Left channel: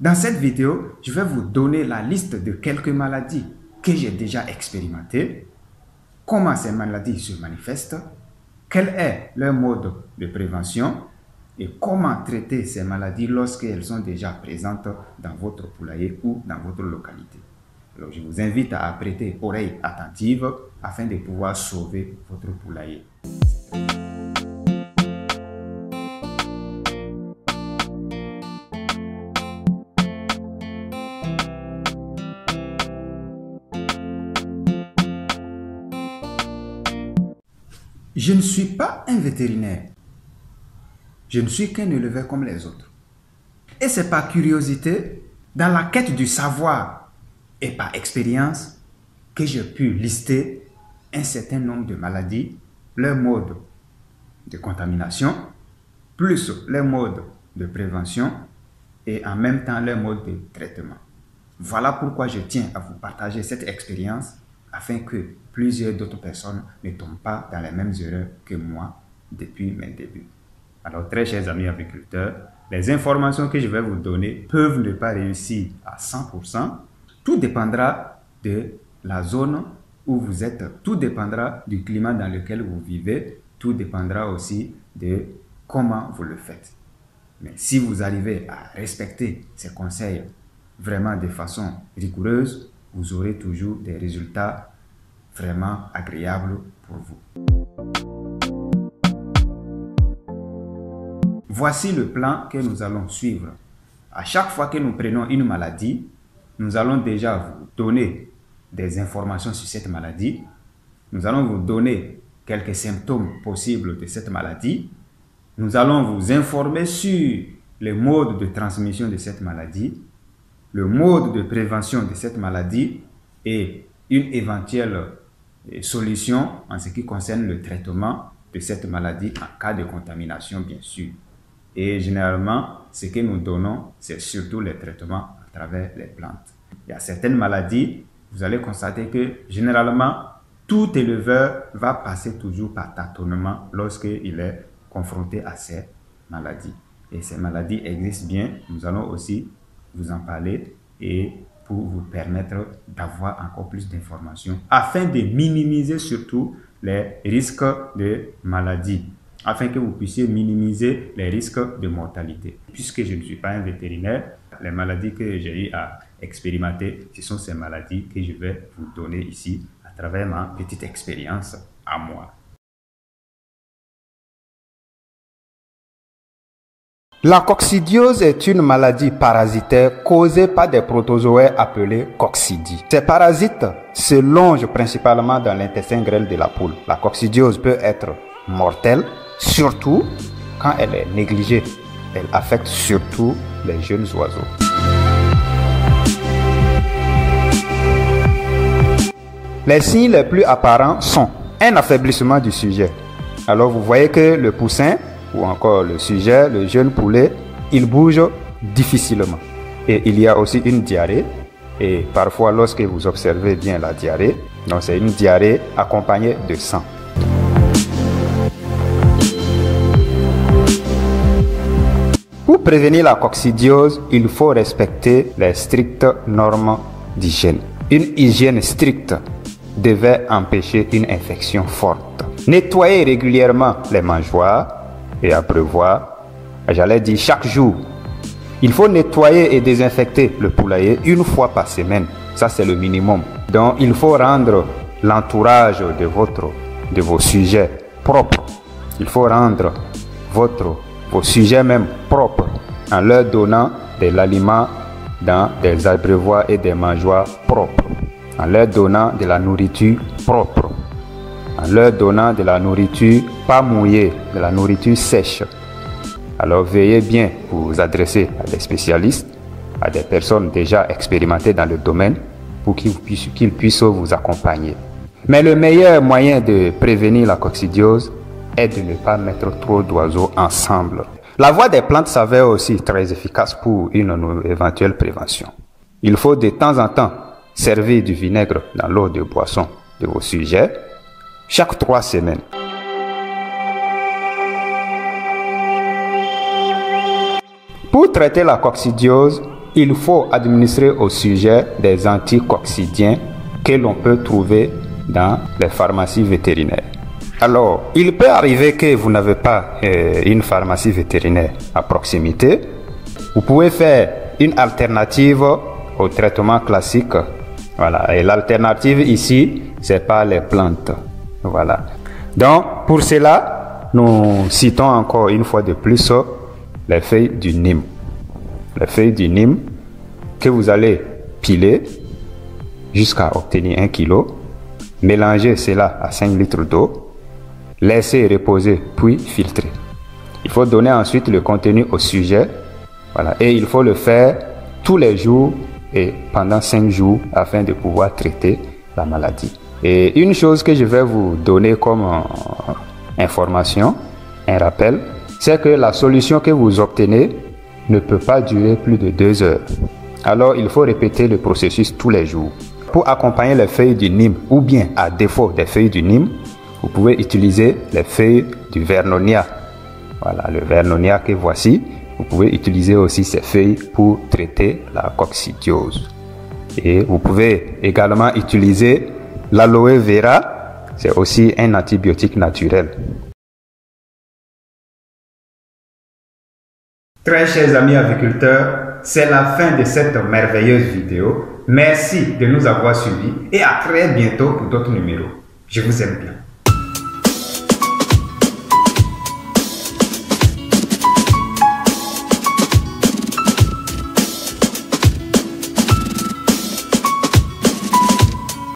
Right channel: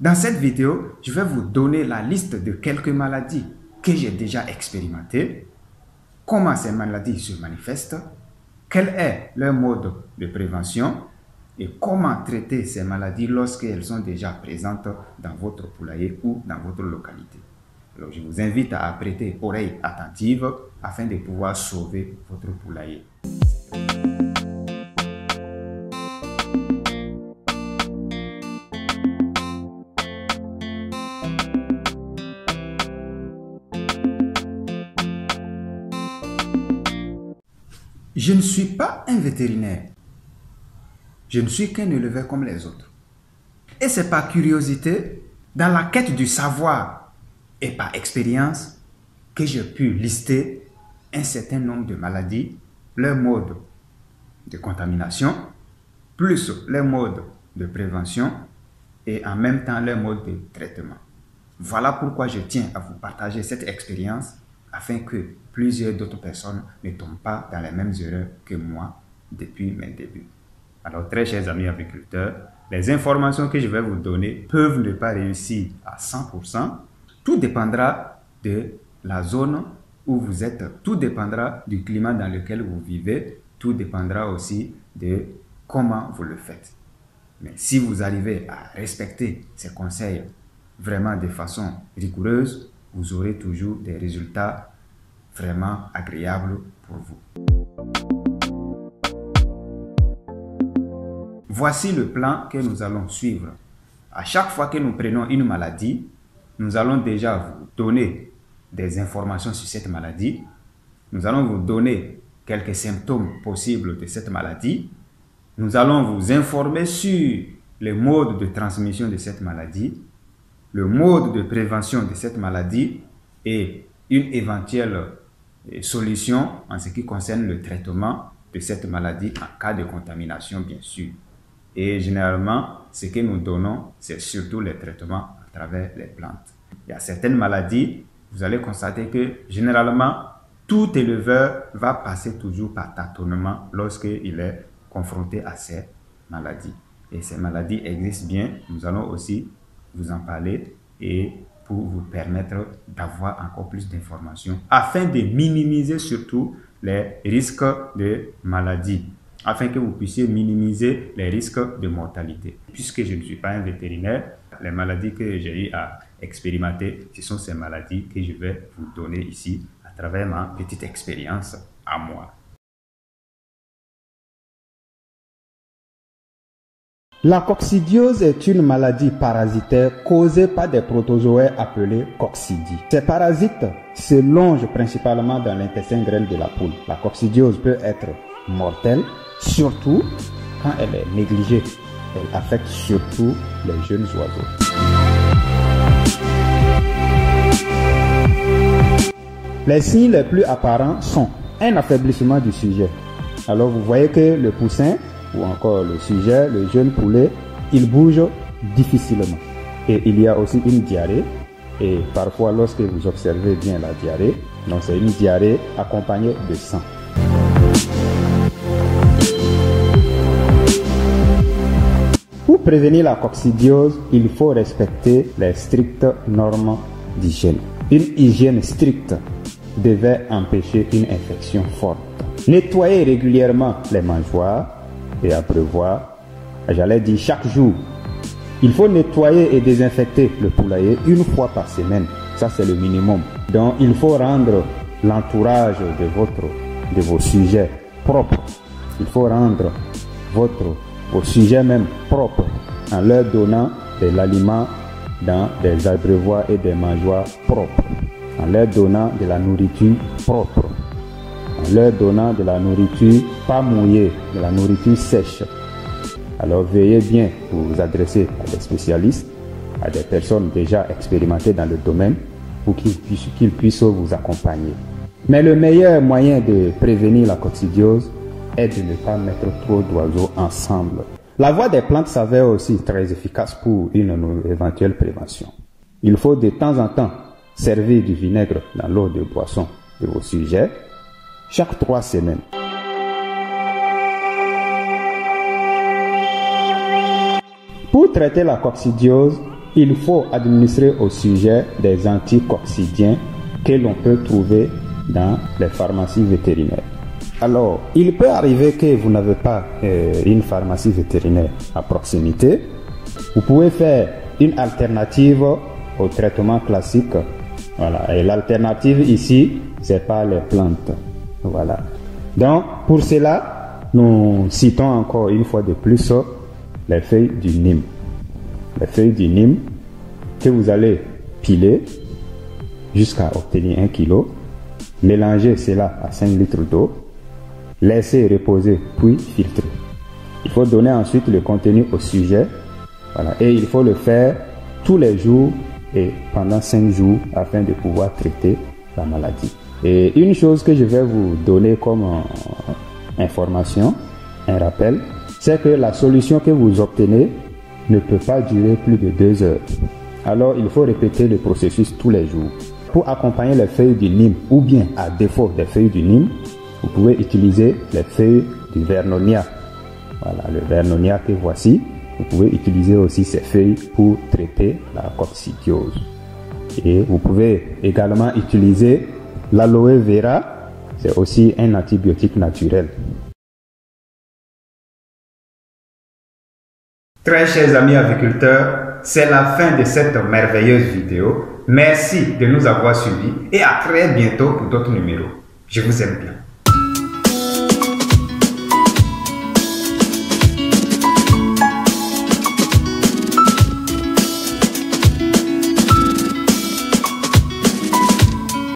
Dans cette vidéo, je vais vous donner la liste de quelques maladies que j'ai déjà expérimentées, comment ces maladies se manifestent, quel est leur mode de prévention et comment traiter ces maladies lorsqu'elles sont déjà présentes dans votre poulailler ou dans votre localité. Alors, je vous invite à prêter oreille attentive afin de pouvoir sauver votre poulailler. Je ne suis pas un vétérinaire. Je ne suis qu'un éleveur comme les autres. Et c'est par curiosité, dans la quête du savoir et par expérience, que j'ai pu lister un certain nombre de maladies, leur mode de contamination, plus leur mode de prévention et en même temps leur mode de traitement. Voilà pourquoi je tiens à vous partager cette expérience afin que plusieurs d'autres personnes ne tombent pas dans les mêmes erreurs que moi depuis mes débuts. Alors, très chers amis agriculteurs, les informations que je vais vous donner peuvent ne pas réussir à 100%. Tout dépendra de la zone où vous êtes, tout dépendra du climat dans lequel vous vivez, tout dépendra aussi de comment vous le faites. Mais si vous arrivez à respecter ces conseils vraiment de façon rigoureuse, vous aurez toujours des résultats vraiment agréables pour vous. Voici le plan que nous allons suivre. À chaque fois que nous prenons une maladie, nous allons déjà vous donner des informations sur cette maladie. Nous allons vous donner quelques symptômes possibles de cette maladie. Nous allons vous informer sur les modes de transmission de cette maladie, le mode de prévention de cette maladie et une éventuelle solution en ce qui concerne le traitement de cette maladie en cas de contamination, bien sûr. Et généralement, ce que nous donnons, c'est surtout les traitements à travers les plantes. Il y a certaines maladies, vous allez constater que généralement, tout éleveur va passer toujours par tâtonnement lorsqu'il est confronté à ces maladies. Et ces maladies existent bien, nous allons aussi vous en parler et pour vous permettre d'avoir encore plus d'informations afin de minimiser surtout les risques de maladie, afin que vous puissiez minimiser les risques de mortalité. Puisque je ne suis pas un vétérinaire, les maladies que j'ai eu à expérimenter, ce sont ces maladies que je vais vous donner ici à travers ma petite expérience à moi. La coccidiose est une maladie parasitaire causée par des protozoaires appelés coccidies. Ces parasites se longent principalement dans l'intestin grêle de la poule. La coccidiose peut être mortelle, surtout quand elle est négligée. Elle affecte surtout les jeunes oiseaux. Les signes les plus apparents sont un affaiblissement du sujet. Alors vous voyez que le poussin ou encore le sujet, le jeune poulet, il bouge difficilement. Et il y a aussi une diarrhée. Et parfois, lorsque vous observez bien la diarrhée, donc c'est une diarrhée accompagnée de sang. Pour prévenir la coccidiose, il faut respecter les strictes normes d'hygiène. Une hygiène stricte devait empêcher une infection forte. Nettoyer régulièrement les mangeoires et à prévoir, j'allais dire chaque jour. Il faut nettoyer et désinfecter le poulailler une fois par semaine. Ça, c'est le minimum. Donc, il faut rendre l'entourage de vos sujets propres. Il faut rendre vos sujets même propres en leur donnant de l'aliment dans des abreuvoirs et des mangeoires propres, en leur donnant de la nourriture propre, en leur donnant de la nourriture pas mouillée, de la nourriture sèche. Alors veillez bien vous adresser à des spécialistes, à des personnes déjà expérimentées dans le domaine pour qu'ils puissent vous accompagner. Mais le meilleur moyen de prévenir la coccidiose est de ne pas mettre trop d'oiseaux ensemble. La voie des plantes s'avère aussi très efficace pour une éventuelle prévention. Il faut de temps en temps servir du vinaigre dans l'eau de boisson de vos sujets chaque 3 semaines. Pour traiter la coccidiose, il faut administrer au sujet des anticoccidiens que l'on peut trouver dans les pharmacies vétérinaires. Alors, il peut arriver que vous n'avez pas une pharmacie vétérinaire à proximité. Vous pouvez faire une alternative au traitement classique. Voilà. Et l'alternative ici, c'est pas les plantes. Voilà. Donc, pour cela, nous citons encore une fois de plus les feuilles du Nîmes. Les feuilles du Nîmes que vous allez piler jusqu'à obtenir 1 kg. Mélanger cela à 5 litres d'eau. Laisser reposer puis filtrer. Il faut donner ensuite le contenu au sujet. Voilà. Et il faut le faire tous les jours et pendant 5 jours afin de pouvoir traiter la maladie. Et une chose que je vais vous donner comme information, un rappel, c'est que la solution que vous obtenez ne peut pas durer plus de 2 heures. Alors il faut répéter le processus tous les jours. Pour accompagner les feuilles du Nîmes ou bien à défaut des feuilles du Nîmes, vous pouvez utiliser les feuilles du Vernonia. Voilà, le Vernonia que voici. Vous pouvez utiliser aussi ces feuilles pour traiter la coccidiose. Et vous pouvez également utiliser l'aloe vera. C'est aussi un antibiotique naturel. Très chers amis agriculteurs, c'est la fin de cette merveilleuse vidéo. Merci de nous avoir suivis et à très bientôt pour d'autres numéros. Je vous aime bien.